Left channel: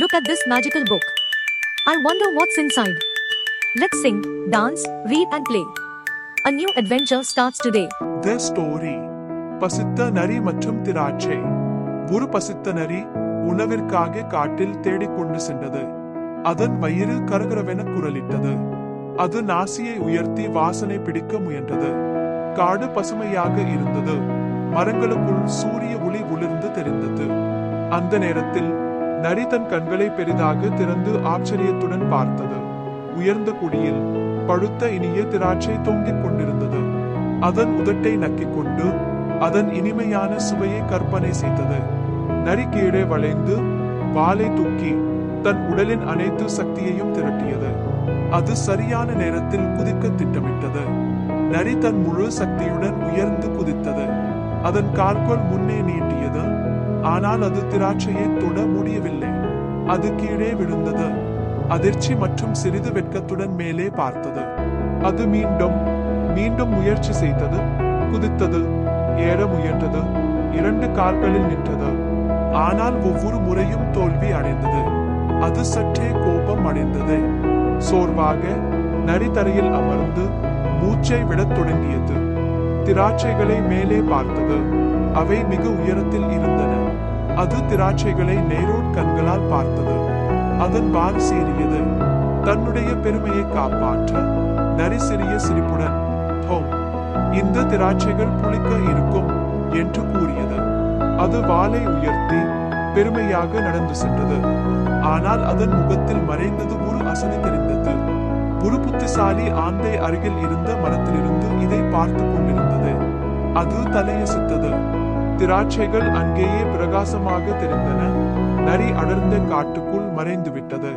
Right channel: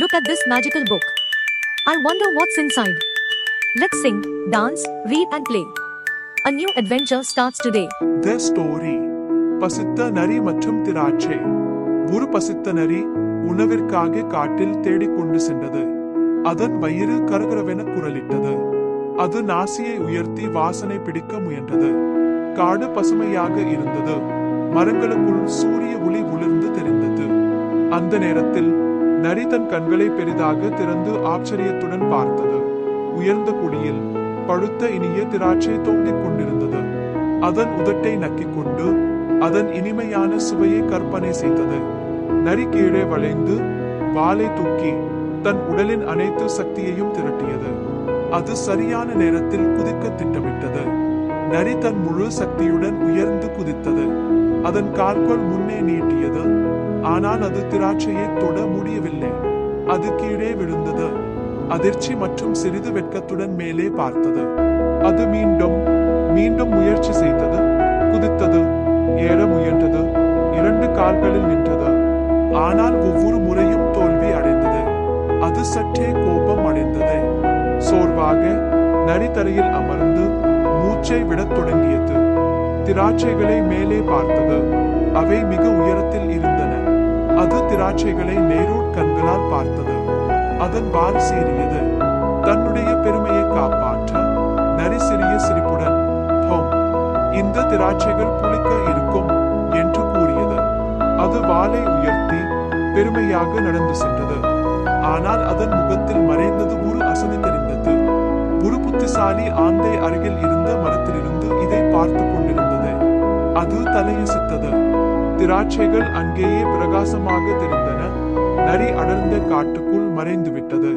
Look at this magical book. I wonder what's inside. Let's sing, dance, read and play. A new adventure starts today. The story. பசித்த நரி மற்றும் திராட்சை. ஒரு பசித்த நரி உணவிற்காக காட்டில் தேடிக்கொண்டு சென்றது. அதன் வயிறு கரகரவென குரலிட்டது. அது நாசியை உயர்த்தி வாசனை பிடிக்க முயன்றது. காடு பசுமையாக இருந்தது. மரங்களுக்குள் சூரிய ஒளி உளிர்ந்து தெரிந்தது. அந்த நேரத்தில் நரி தன் கண்களை பெரிதாக திறந்து ஆச்சரியத்துடன் பார்த்தது. உயர்ந்த கொடியில் பழுத்த இனிய திராட்சை தொங்கிக் கொண்டிருந்தது. அதன் உதட்டை நக்கிக் கொண்டு அதன் இனிமையான சுவையை கற்பனை செய்தது. நரி கீழே வளைந்து வாலை தூக்கி தன் உடலின் அனைத்து சக்தியையும் திரட்டியது. அது சரியான நேரத்தில் குதிக்க திட்டமிட்டது. நரி தன் முழு சக்தியுடன் உயர்ந்து குதித்தது. அதன் கால்கள் முன்னே நீட்டியது. ஆனால் அது திராட்சையை தொட முடியவில்லை. அது கீழே விழுந்தது. அதிர்ச்சி மற்றும் சிறிது வெட்கத்துடன் மேலே பார்த்தது. அது மீண்டும் முயற்சி செய்தது. குதித்தது. ஏற முயன்றது. 2 கால்களில் நின்றது. ஆனால் ஒவ்வொரு முறையும் தோல்வி அடைந்தது. அது சற்றே கோபம் அடைந்தது. சோர்வாக நரி தரையில் அமர்ந்து மூச்சை விடத் தொடங்கியது. திராட்சைகளை மேலே பார்த்தது. அவை மிக உயரத்தில் இருந்தன. அது திராட்சைகளை நேரோட் கண்களால் பார்த்தது. அதன் வால் சீறியது. தன்னுடைய பெருமையை காப்பாற்ற நரி சிறிய சிரிப்புடன் இந்த திராட்சைகள் புளிக்க இருக்கும் என்று கூறியது. அது வாலை உயர்த்தி பெருமையாக நடந்து சென்றது. ஆனால் அதன் முகத்தில் மறைந்தது ஒரு அசதி தெரிந்தது. ஒரு புத்திசாலி ஆந்தை அருகில் இருந்த மரத்திலிருந்து இதை பார்த்து கொண்டிருந்தது. அது தலையசித்தது. திராட்சைகள் அங்கேயே பிரகாசமாக தெரிந்தன. நரி அடர்ந்த காட்டுக்குள் மறைந்து விட்டது.